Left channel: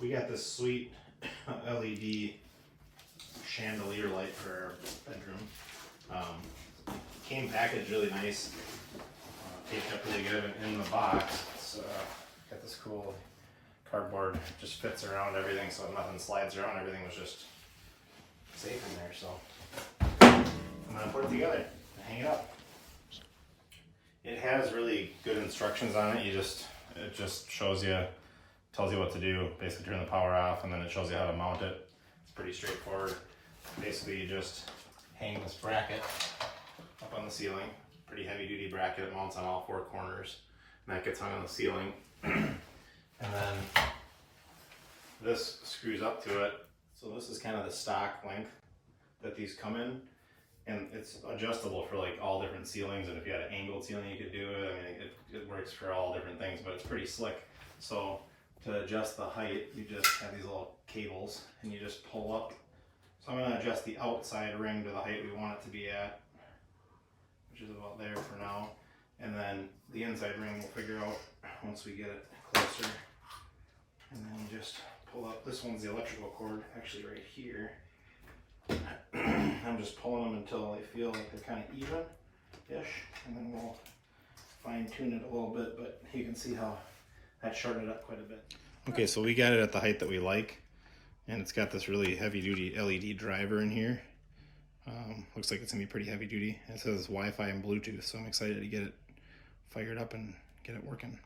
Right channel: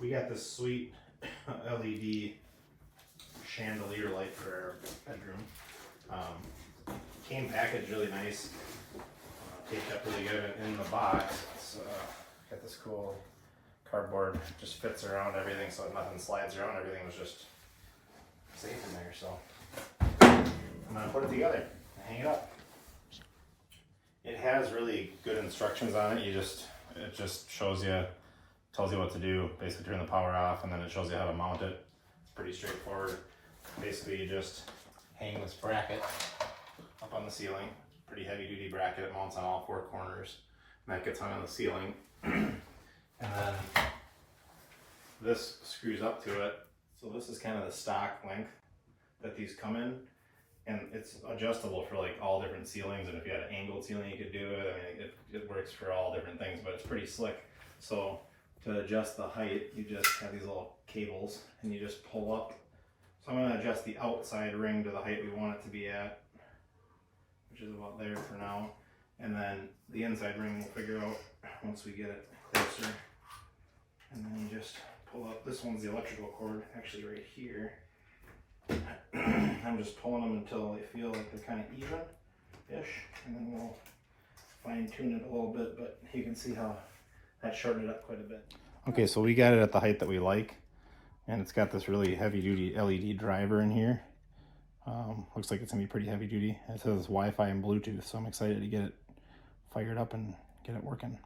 We got this sweet LED chandelier light for our bedroom. Came packaged really nice, taped up really good in the box. It's got this cool cardboard, just fits around everything so nothing slides around. Everything was just safe in there. So I'm gonna put it together and hang it up. It has really good instructions on it. It just shows you, tells you what to do. Basically turn the power off, and then it shows you how to mount it. It's pretty straightforward. Basically you just hang this bracket up on the ceiling. Pretty heavy duty bracket. It mounts on all four corners, and that gets hung on the ceiling. And then this screws up to it. So this is kind of the stock length that these come in, and it's adjustable for like all different ceilings. And if you had an angled ceiling, you could do it. I mean, it works for all different things, but it's pretty slick. So to adjust the height, you just have these little cables, and you just pull up. So I'm going to adjust the outside ring to the height we want it to be at, which is about there for now. And then the inside ring we'll figure out once we get it closer. And then you just pull up. This one's the electrical cord, actually right here. I'm just pulling them until they feel like they're kind of even-ish, and then we'll fine tune it a little bit, but you can see how that shortened it up quite a bit. Okay, so we got it at the height that we like, and it's got this really heavy-duty LED driver in here. Looks like it's gonna be pretty heavy-duty. It says Wi-Fi and Bluetooth, so I'm excited to get it fired up and get it working.